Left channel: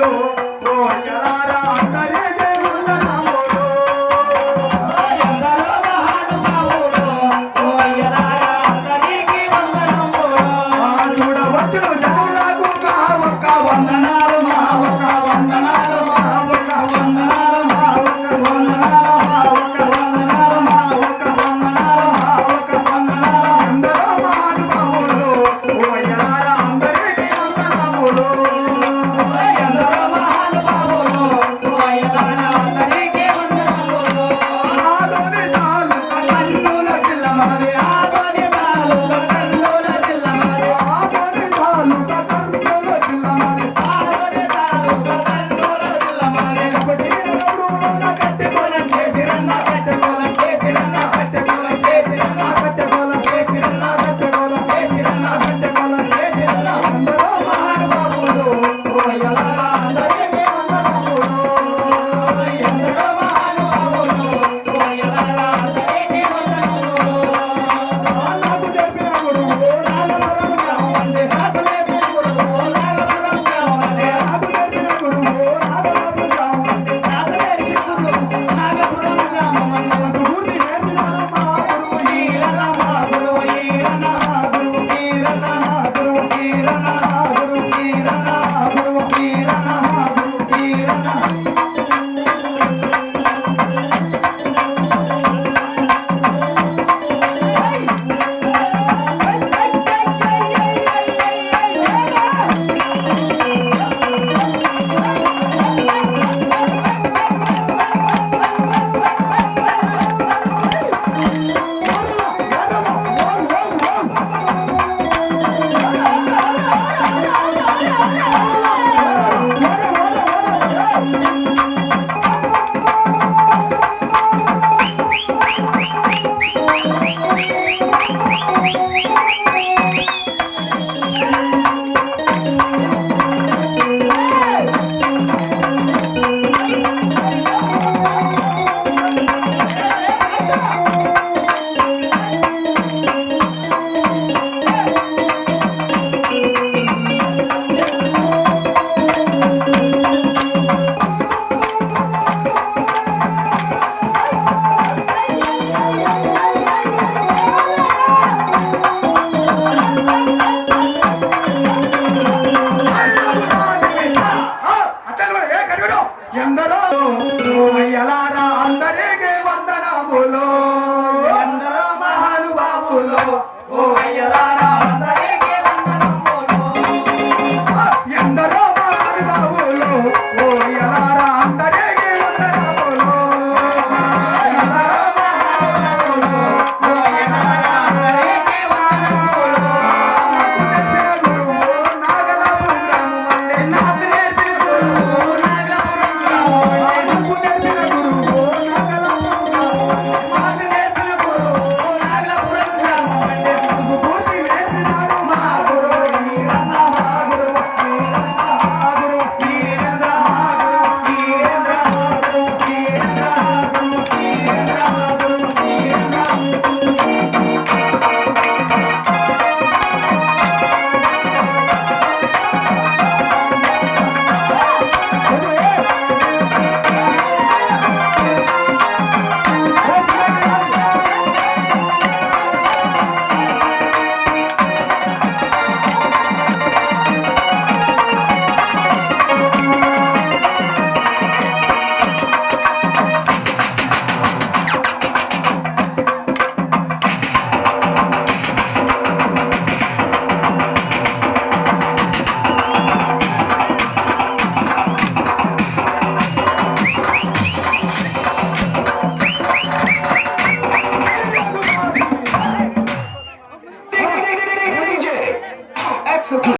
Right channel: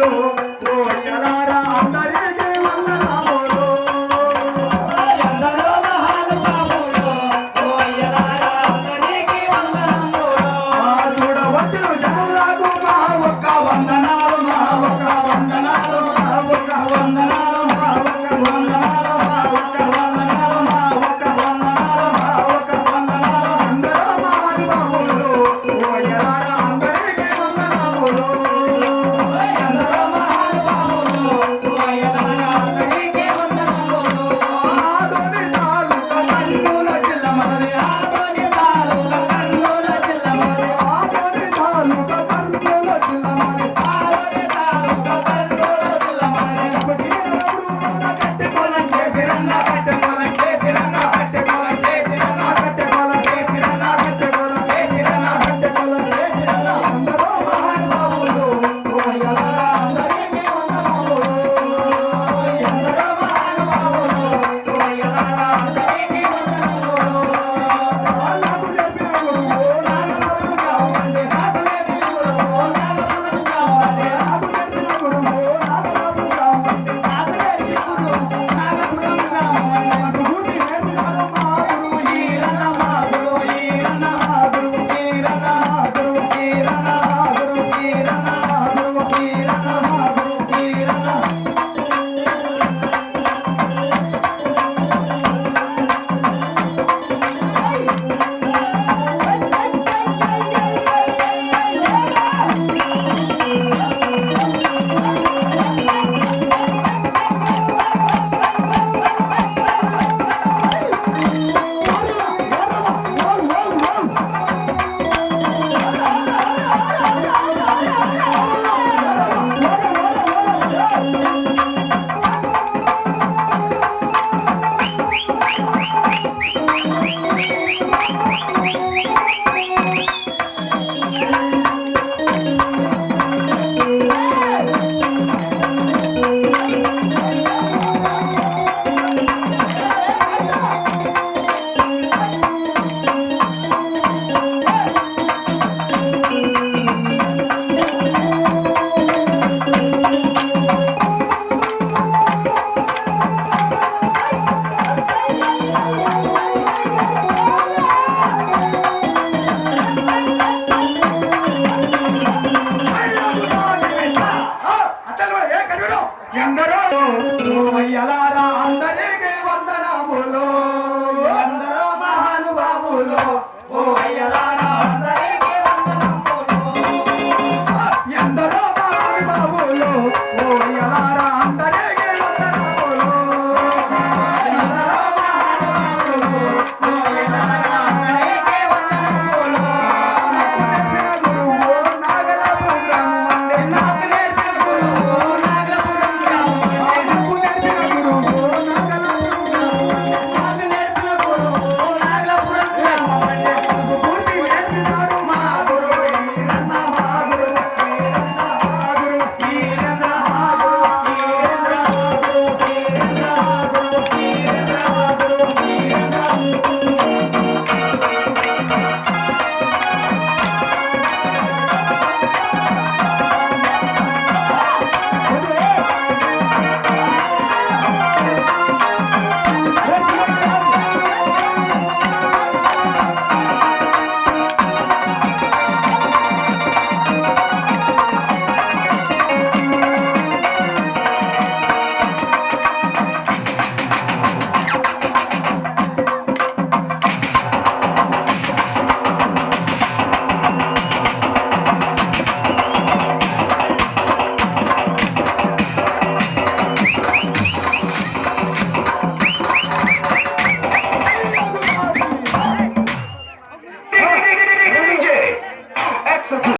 మహానుభావులు ఓ అయ్యలారా అందరికీ వందనములు. ఎందరో మహానుభావులు ఓ అయ్యలారా అందరికీ వందనములు. చూడవచ్చును జనులకు మా ఒక్క వందనాలు, మా ఒక్క వందనాలు, మా ఒక్క వందనాలు, మా ఒక్క వందనాలు, మా ఒక్క వందనాలు, మా ఒక్క వందనాలు, మా ఒక్క వందనాలు. అందరూ మహానుభావులు ఓ అయ్యలారా అందరికీ వందనములు. ఎందరో మహానుభావులు ఓ అయ్యలారా అందరికీ వందనములు. ఆదోని తాలూకా కర్నూలు జిల్లా మనది, ఆదోని తాలూకా కర్నూలు జిల్లా మనది. ఆదోని తాలూకా కర్నూలు జిల్లా మనది. ఆదోని తాలూకా కర్నూలు జిల్లా మనది. పట్టినప్పుడులోన కట్టెకోలం చేసిరన్న, కట్టెకోలం చేసిరన్న, కట్టెకోలం చేసిరన్న, కట్టెకోలం చేసిరన్న, కట్టెకోలం చేసిరన్న, కట్టెకోలం చేసిరన్న. అందరూ మహానుభావులు ఓ అయ్యలారా అందరికీ వందనములు. ఎందరో మహానుభావులు ఓ అయ్యలారా అందరికీ వందనములు. నాకు చెప్పిన గురువు నాగవరం రావండి, నాకు నేర్పిన గురువు నాగపురం గ్రామమండి. నాకు చెప్పిన గురువు నాగవరం రావండి. నాకు నేర్పిన గురువు నాగపురం గ్రామమండి. గురువుని నేర్పినాడు మా గురువు ఈరన్న, మా గురువు ఈరన్న, మా గురువు ఈరన్న, మా గురువు ఈరన్న, మా గురువు ఈరన్న, మా గురువు ఈరన్న, మా గురువు ఈరన్న. ఎందరో ఓ అయ్యలారా అందరికీ వందనములు. ఎందరో మహానుభావులు ఓ అయ్యలారా అందరికీ వందనములు. ఎందరో మహానుభావులు ఓ అయ్యలారా అందరికీ వందనములు. ఎందరో మహానుభావులు ఓ అయ్యలారా అందరికీ వందనములు. నాకు నేర్పిన గురువు నాగపురం గ్రామమండి. నాకు నేర్పిన గురువు నాకు నేర్పిన గురువు నాగపురం గ్రామమండి. నాకు నేర్పిన గురువు నాగపురం గ్రామమండి. స్ఫూర్తి నేర్పినాడు మా గురువు ఈరన్న, మా గురువు ఈరన్న, మా గురువు ఈరన్న, మా గురువు ఈరన్న, మా గురువు ఈరన్న, మా గురువు ఈరన్న, మా గురువు